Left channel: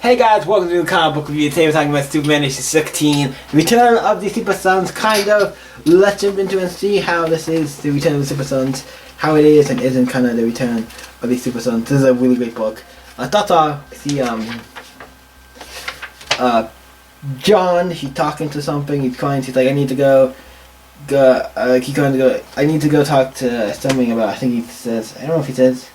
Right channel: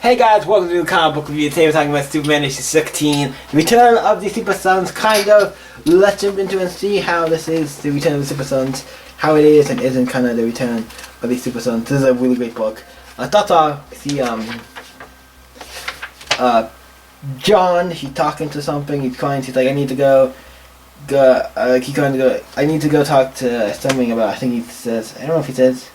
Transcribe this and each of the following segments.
Hey guys, welcome to the comic book review. Today we're talking about Superman issue 16, the return of the Supersons. Kind of, let's jump into it and see how this is the return of the Supersons, how it is and isn't kind of the return of the Supersons. This is a really great book. Thoughts are, see, John, he's talking to something, he's crying, he's like, I need to go, I need to go talk to something about, I think he says, I don't know if he says,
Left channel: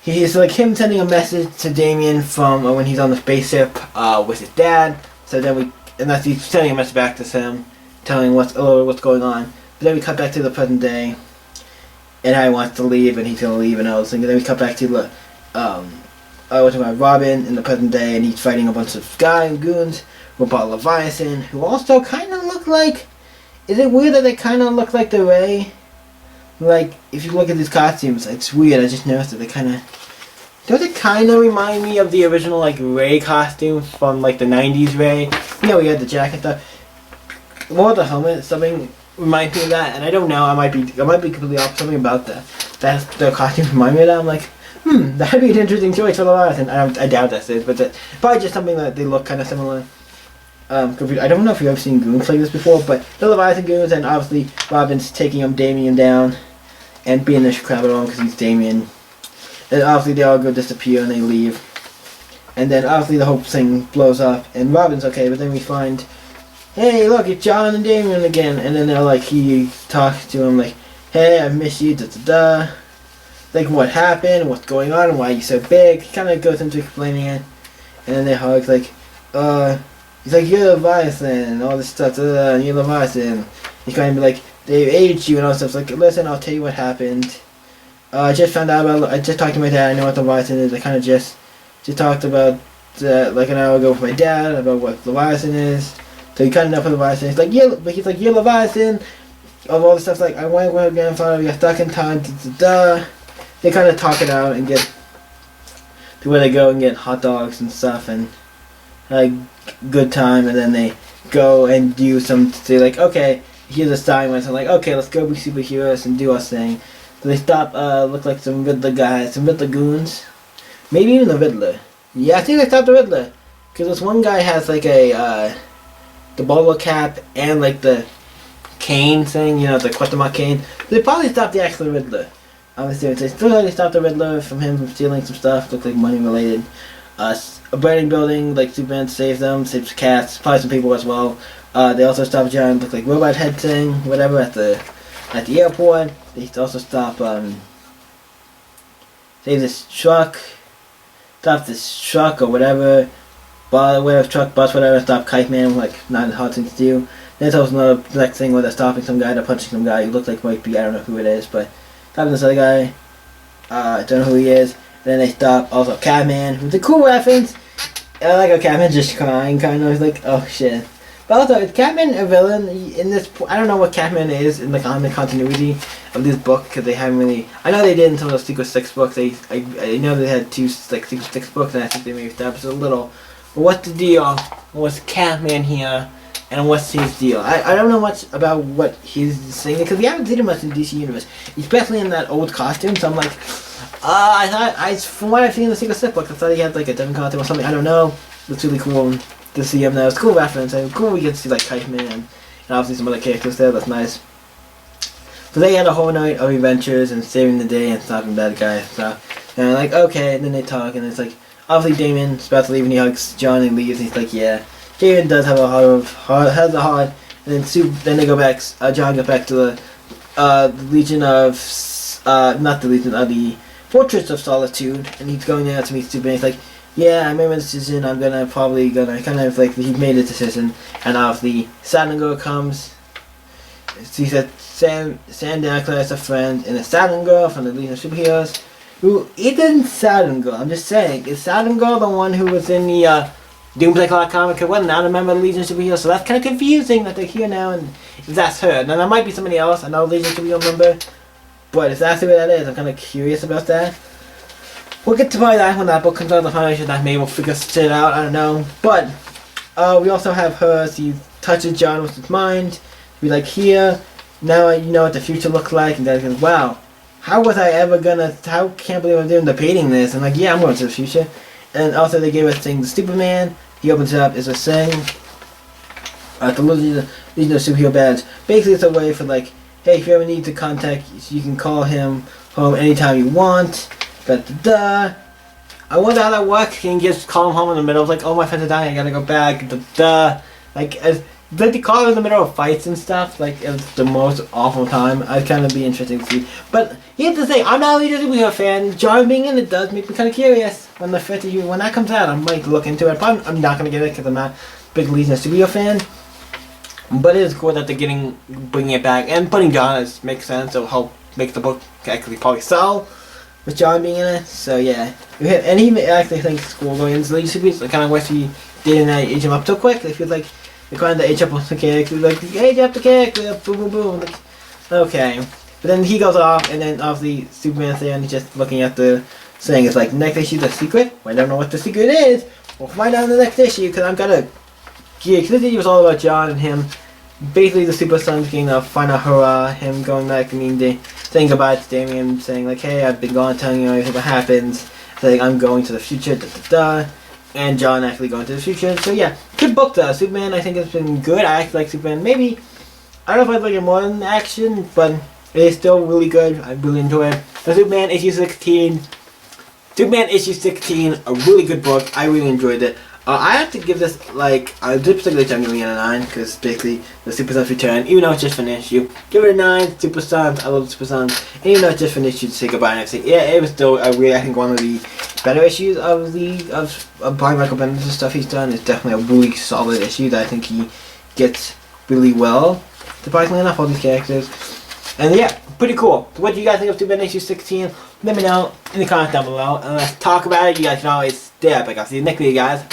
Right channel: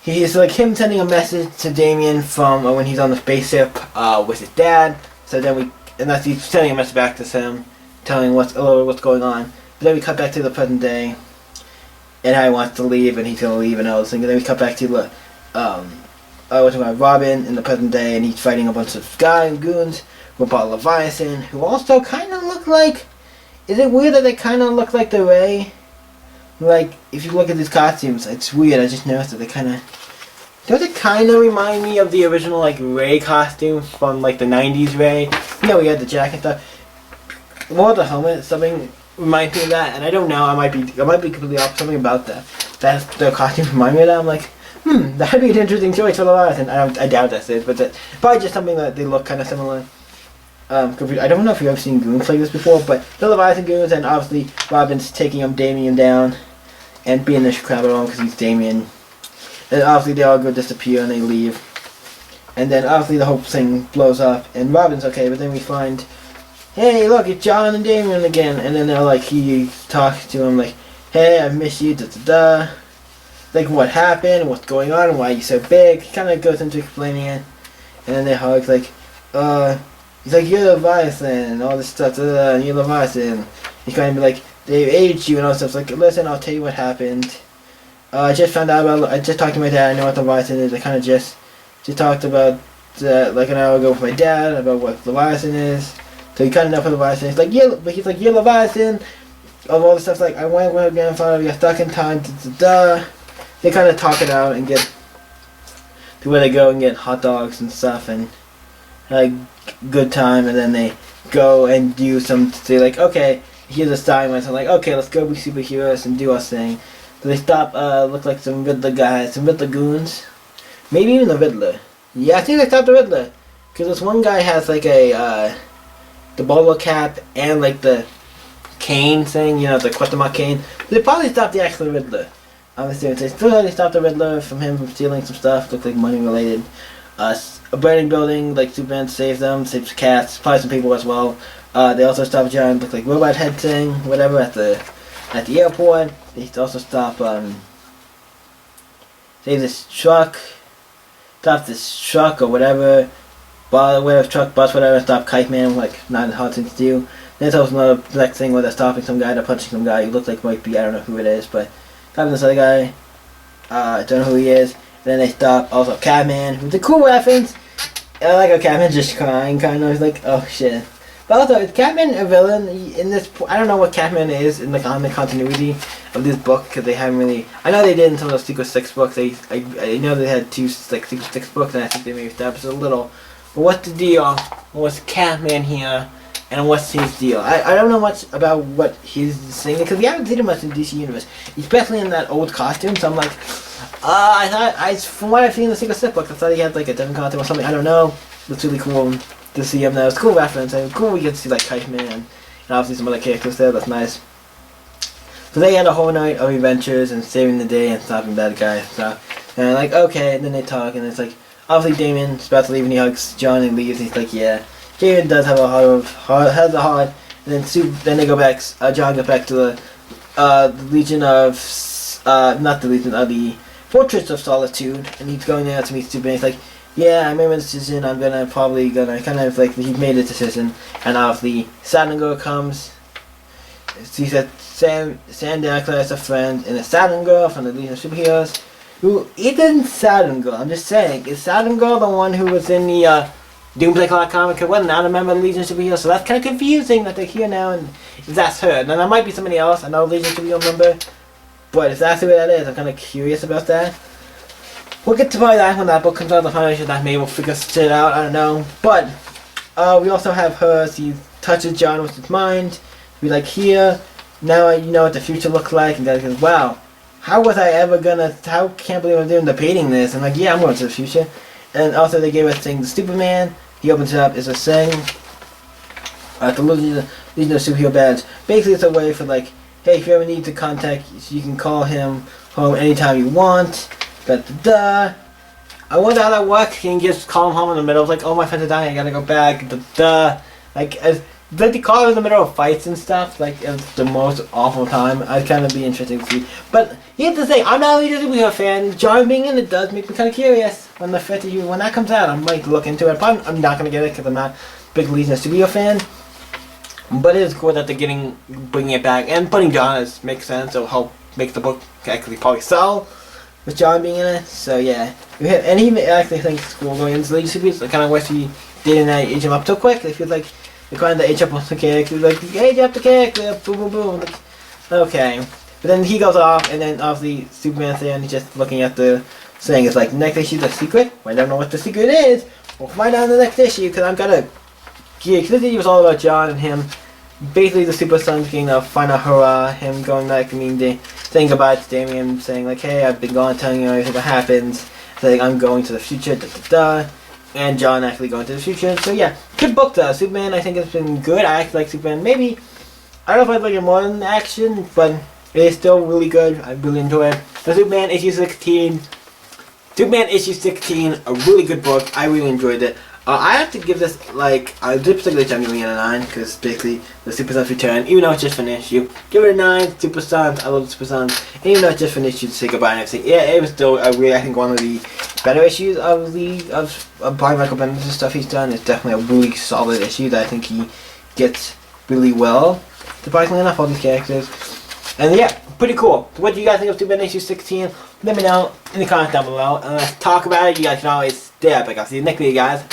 he's like him sending a message to Damien from when he's on the spaceship with his dad. So then he's sending a message back to him, telling what's going on. But then we cut back to the present day, and Harry wants to leave, and he's gonna leave, and all this thing. And then we cut back to the Robin in the present day, and he's fighting a bunch of goons with Leviathan, who also kind of look like. Is it weird that they kind of look like the Ray? Like, if you look at these costumes, it's weird. I just noticed that they kind of... Don't they kind of remind me of the original, like, Ray costume from, like, the 90s Ray? You know, we had the jacket stuff. More the helmet, something reminds me of that. And I don't know, I might be completely off. Something about that. The costume remind me of that. I'm like, that'd be an interesting choice for the Leviathan. I doubt that's it, but probably just something that they look kind of similar. I don't know if you've ever seen goons like this before, but the Leviathan goons, and obviously Robin's taking Damien down and being the crap at him because he's Damien. And obviously they all go disappear and they leave. And then obviously the whole thing blows up and Robin's okay, but then we find, hey look, it's John and Damien again. And then they're like, he talks to him like, hey, I miss you, da da da. Like, what happened, what's going on, and why are you so big? He kind of goes into explaining it. And then they hug like, he's like, you're Leviathan, and all this stuff, and you're Leviathan. He's kind of be like, they aged you and all this stuff. It's like, listen, I'll tell you what happened. I just found out about, I just talked to my dad, I know what Leviathan is. I kind of just talked about, like an hour ago with my dad, about what Leviathan is. So he kind of know what Leviathan is. Like, yeah, but he's like, you're Leviathan, of all the stuff, like, I went with my grandfather, we got stuck in time, da da da. They kind of talk it out and get to where they go and get hot dogs and stuff, and have a good time, and then they go and do some, say like, okay, here's a sign where it's like, okay, let's go be superheroes and do our thing. So they stop, look like some Riddler guys, some Riddler goons. Maybe even the Riddler. Yeah, I think they stopped the Riddler. Because this one guy has like the bowler cap and like the cane thing, you know, the question mark cane. So they probably stopped the actual Riddler. Obviously, they still stopped the Riddler from stealing some stuff, looked like money related. A burning building, like Superman saves them, saves cats, probably some people as well. They also stop a giant, look like robot head thing, whatever, at the airport. They also stop, save this truck, stop this truck or whatever, truck, bus, whatever, stop Kite Man, like, not a hard thing to do. Then there's also another next thing where they're stopping some guy, they're punching some guy who looks like might be, I don't know who it is, but stopping this other guy, I don't know who he is. Then they stop also Catman, who's a cool reference. I like how Catman's just crying, kind of. He's like, oh shit. But also, is Catman a villain in this? I don't know what Catman is in the comic continuity of this book, because they haven't really. I know they did in some of those Secret Six books. I know they had two like Secret Six books, and I think they maybe established it a little. But what's the deal? What's Catman here? And what's his deal? I don't know much about what he's saying, because we haven't seen him much in DC Universe, especially in that old costume. So I'm like, from what I've seen in the Secret Six book, I thought he had like a different costume or something. I don't know. It's really cool to see him now. It's a cool reference. And cool we get to see like Kite Man and obviously some other characters there. That's nice. So they had a whole night of adventures and saving the day and stopping bad guys and stuff. And I'm like, okay. And then they talk, and it's like, obviously Damien's about to leave, and he hugs John and leaves. And he's like, yeah. Damien does have a heart, and then they go back. John goes back to the Legion of, not the Legion, the Fortress of Solitude, and he's going there to meet Superman. He's like, yeah, I made my decision. I'm probably gonna kind of like, he made a decision, and obviously Saturn Girl comes. He said Sandra is a friend, and a Saturn Girl from the Legion of Superheroes. Who isn't Saturn Girl? I'm just saying, is Saturn Girl the one who was in the Doomsday Clock comic? It wasn't. I remember Legion of Superheroes, so that's kind of confusing that they're here now, and if that's her. Now, that might be somebody else, another Legion of Superheroes member, but if that's who that is, I'm kind of curious about that. We'll get to probably that when that book comes out, the foundation that maybe we'll figure shit out, I don't know. But, we also have her, she touches John with his mind, be like, here, now you know what the future looks like, and then goes, wow, how was I ever gonna, can't believe I'm debating this, and like, yeah, I'm going to the future. And also they gave us thing the Superman. He opens it up is a thing. The Legion of Superhero Badge. Basically it's a way for like, hey, if you ever need to contact, you can call him home anytime you want. Da-da-da. I wonder how that works. Can you just call him home in the middle of like, oh, my friends are dying, I gotta go back. Da-da. Like, like they call him in the middle of fights and stuff. Like, it's the most awful time. I'd kind of be interesting to see. But here's the thing, I'm not really a superhero fan. John being in it does make me kind of curious. When that comes out, I might look into it. Probably I'm not gonna get it because I'm not a big Legion of Superhero fan. But it is cool that they're bringing it back and putting John makes sense. It'll help make the book actually probably sell with John being in it. So yeah, and he actually thinks it's cool going into the Legion of Superheroes. I kind of wish he didn't age him up so quick. It feels like they're trying to age up the character, like age up the character, boom boom boom. Like, okay, but then he goes off, and then obviously Superman's there, and he's just looking at the thing. It's like next issue's a secret. Well, I don't know what the secret is. We'll find out in the next issue because I'm gonna. Yeah, because this issue was all about John and him. Basically, the Supersons getting a final hurrah, him going back and saying goodbye to Damian, saying like, hey, I've been gone, telling you everything what happens, saying I'm going to the future, da-da-da, and John actually going to the future. So yeah, good book though. Superman, I think it's been good. I actually like Superman. Maybe, I don't know if I'd like it more than action, but it is still really good. I really enjoy it. The Superman issue 16, a really good book. I really enjoyed it. I have to give this, like, this particular issue I'm giving it a 9, because basically the Supersons return, even though it's just an issue. Give it a 9, Supersons, I love the Supersons, and even though it's just an issue to say goodbye and everything, yeah, it was still, I think one of the better issues of Brian Michael Bendis' stuff he's done. It's definitely a really solid issue that I think he gets really well, surprisingly enough, all these characters. And yeah, pretty cool. So what do you guys think of Superman issue 16? Let me know in the comments down below, and let's talk about it. You guys can always stay up. I'll see you next video, guys.